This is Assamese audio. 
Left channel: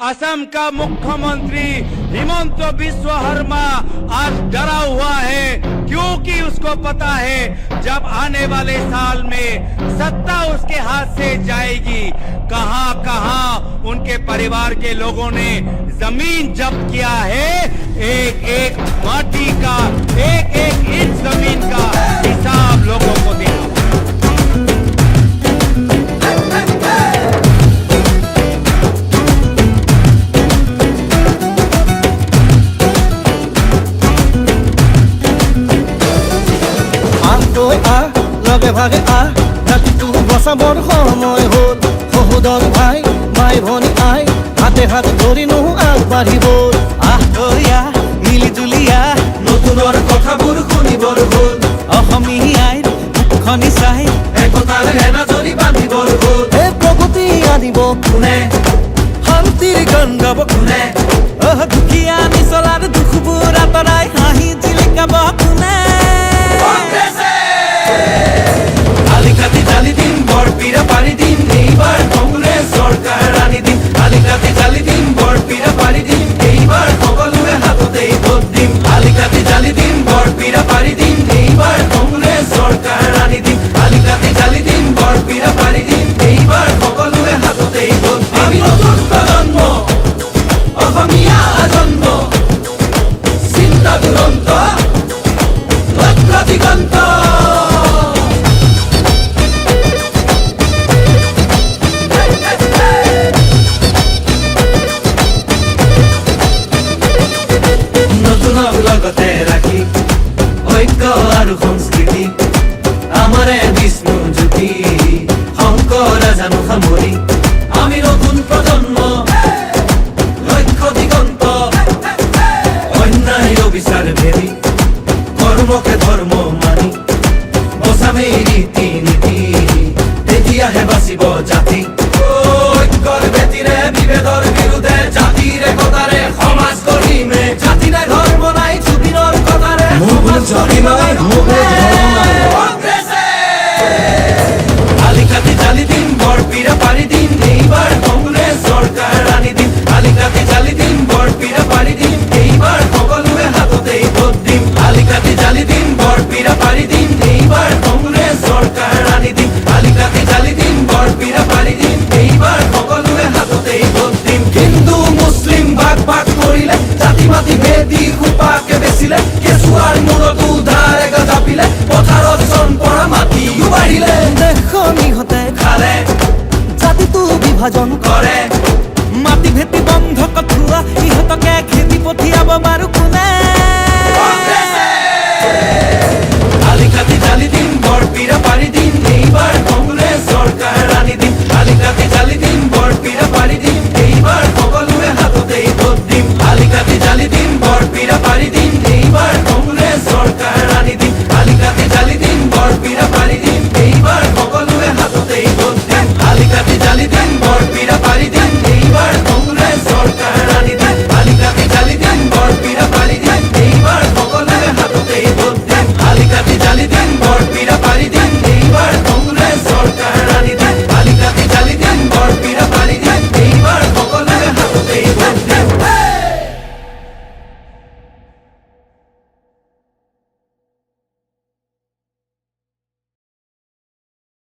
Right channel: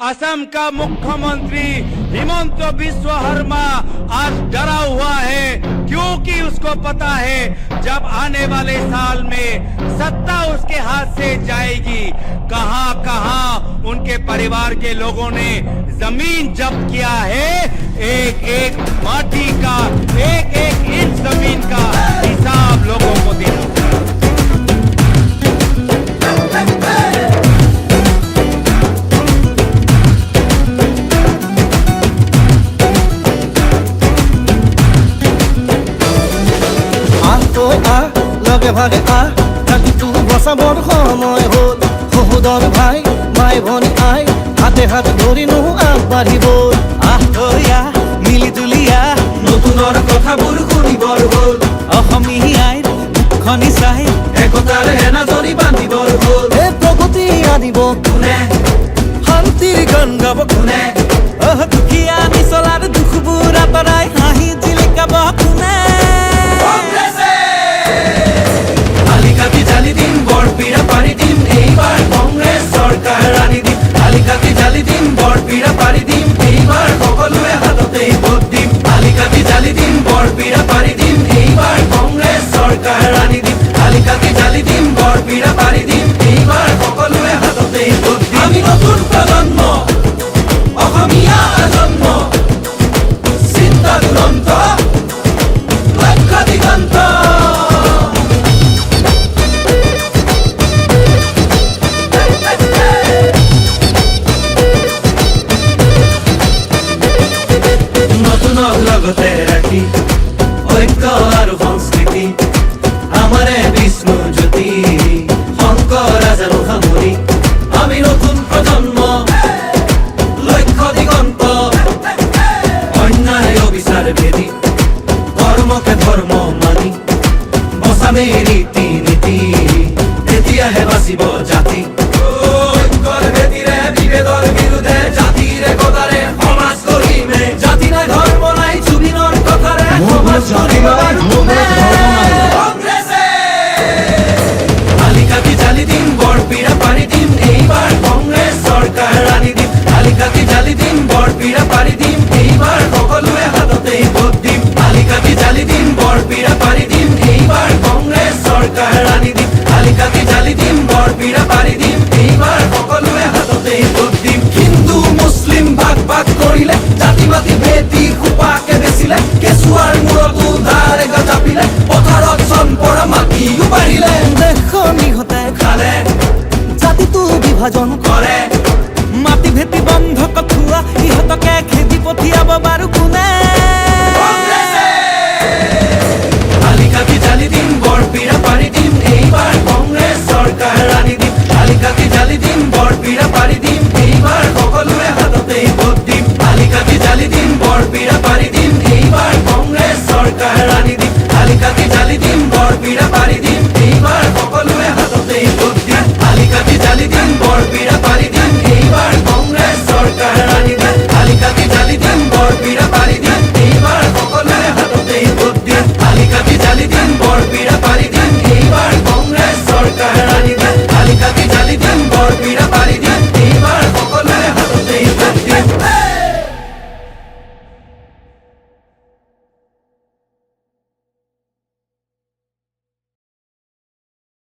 असम का मुख्यमंत्री हिमंत बिस्व शर्मा आज डरा हुआ है, क्योंकि उसको पता है जब आने वाले साल में सत्ता उसके हाथ से जाएगी, कहां कहां उनके परिवार के लोगों ने जमीन जब्त किया है। एक एक माटी का, एक एक इंच जमीन का हिसाब लोगों को देना होगा। লগে ভাগে ৰাতিটো বচাবৰ সময় হ'ল। সহোদৰ ভাই মাই ভনী আই হাতে হাত ধৰি নো আগবাঢ়িব। মিলি জুলি নতুনৰ কথাবোৰ শুনিবৰ হ'ল। অসমীয়াইৰ মুখনি চাই একতাৰ এনাজৰি বান্ধিবৰ হ'ল। এই প্ৰগতি আনিব কোনে, শান্তিৰ গান গাব কোনে, দুখীয়া নিচলাৰ দুখবোৰ আঁতৰাই হাঁহি জিলিকাব কোনে। আলিকাতি জালি দিম বৰপীৰা পাৰি দিম, এইবাৰ কংগ্ৰেছ চৰকাৰ আনি দিম। আলিকাতি জালি দিম বৰপীৰা পাৰি দিম, এইবাৰ সকলোৱে হাততেই ভোট দিম। আলিকাতি জালি দিম বৰপীৰা পাৰি দিম, এইবাৰ কংগ্ৰেছ চৰকাৰ আনি দিম। আলিকাতি জালি দিম বৰপীৰা পাৰি দিম, এইবাৰ সকলোৱে হাততেই ভোট দিম। আমি নতুন প্ৰজন্ম, অসমীয়া জন্ম, চিন্তা দুৰন্ত, লক্ষ্য দিগন্ত। লগতে ৰাখি ঐক্য আৰু সংস্কৃতি আমাৰে বিষ্ণু জ্যোতি শংকৰ জানো সামৰি। আমি নতুন প্ৰজন্ম, লক্ষ্য দিগন্ত, অন্যায় অবিচাৰ ভেদি কৰ্মকে ধৰ্ম মানি বচামে ৰীতি নীতি, তেতিয়াহে বাচিব জাতি। ঐক্যৰ ভেটিৰে বিভেদৰ বিৰুদ্ধে জাতিৰ একতাৰে সমাজ গঢ়িমে। জাতি নাই ধৰ্ম নাই জুবিনৰ কথাৰে জাতি নাই ধৰ্ম নাই। আলিকাতি জালি দিম বৰপীৰা পাৰি দিম, এইবাৰ কংগ্ৰেছ চৰকাৰ আনি দিম। আলিকাতি জালি দিম বৰপীৰা পাৰি দিম, এইবাৰ সকলোৱে হাততেই ভোট দিম। আলিকাতি জালি দিম বৰপীৰা পাৰি দিম, এইবাৰ কংগ্ৰেছ চৰকাৰ আনি দিম। আলিকাতি জালি দিম বৰপীৰা পাৰি দিম, এইবাৰ সকলোৱে হাততেই ভোট দিম। হিন্দু মুছলিম ভাগ ভাগ কৰিলে, জাতি পাতি ভেদি সোপাকে বেচিলে, কেঁচুৱাৰ মূৰতো ধাৰেকা জাপিলে, পথাৰত চনপৰা মাটিও বাঢ়িলে। দেশৰ নিহতে খালে, জাতিটো বিভাজন কৰে, মাটি ভেটি বন্ধ কঠুৱা ইহঁতকে খেদি পঠিয়াব বাৰু কোনে। আলিকাতি জালি দিম বৰপীৰা পাৰি দিম,